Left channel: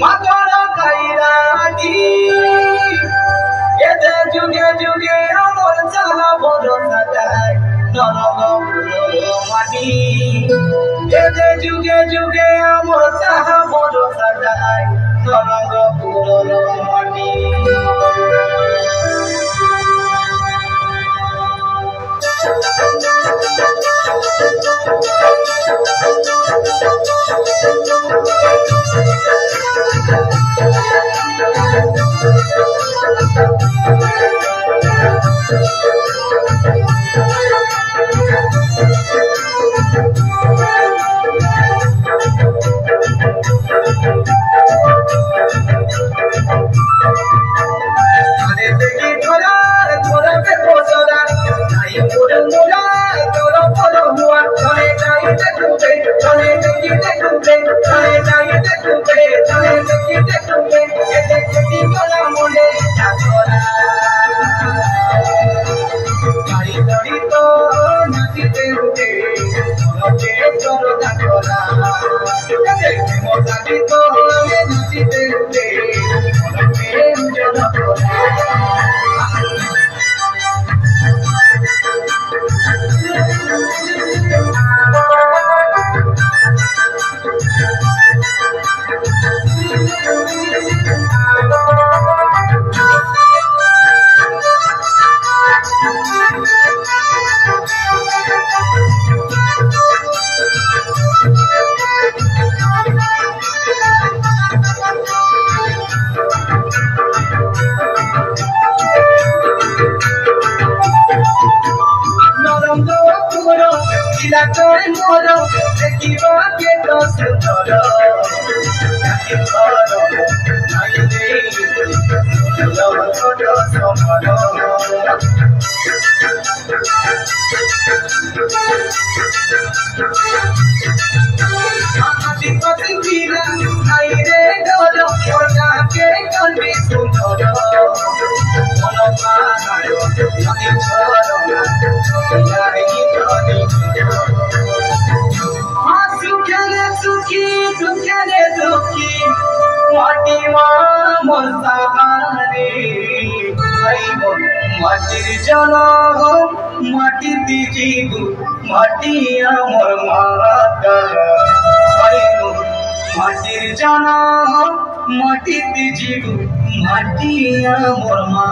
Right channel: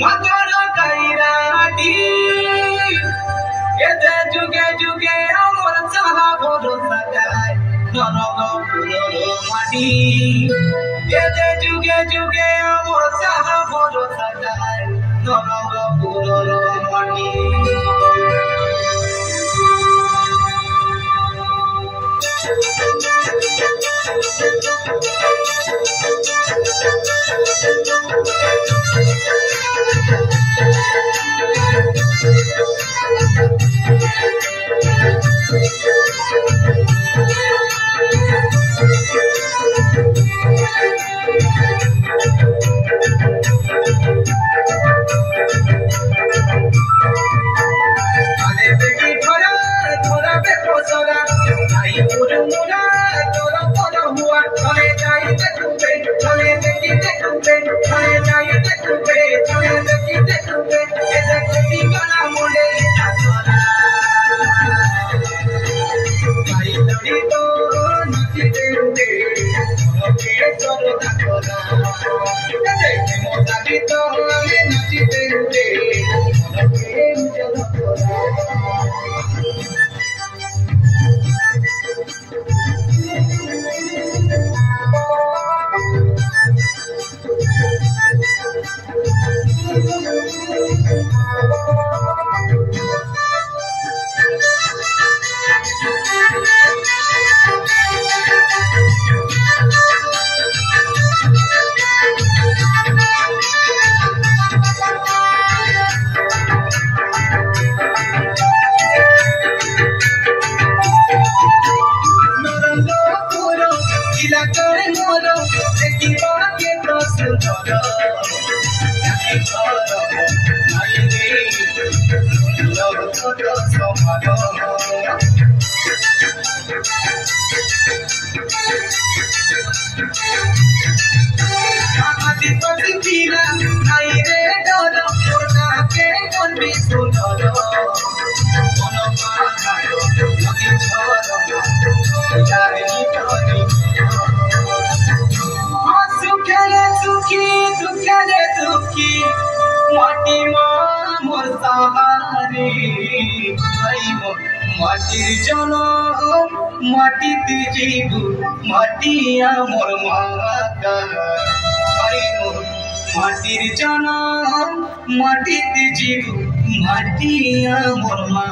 মাতার কাইরাটি এতে যুগে যুগে আমার চাহা ভরসা দেয় নরক পুরো মাটি এতে যুগে যুগে আমার চাহা ভরসা দেয় নরক পুরো মাটি মাটির জনম মাটিতে জীব মাটি আমার মাতা মাটির জনম মাটিতে জীব মাটি আমার মা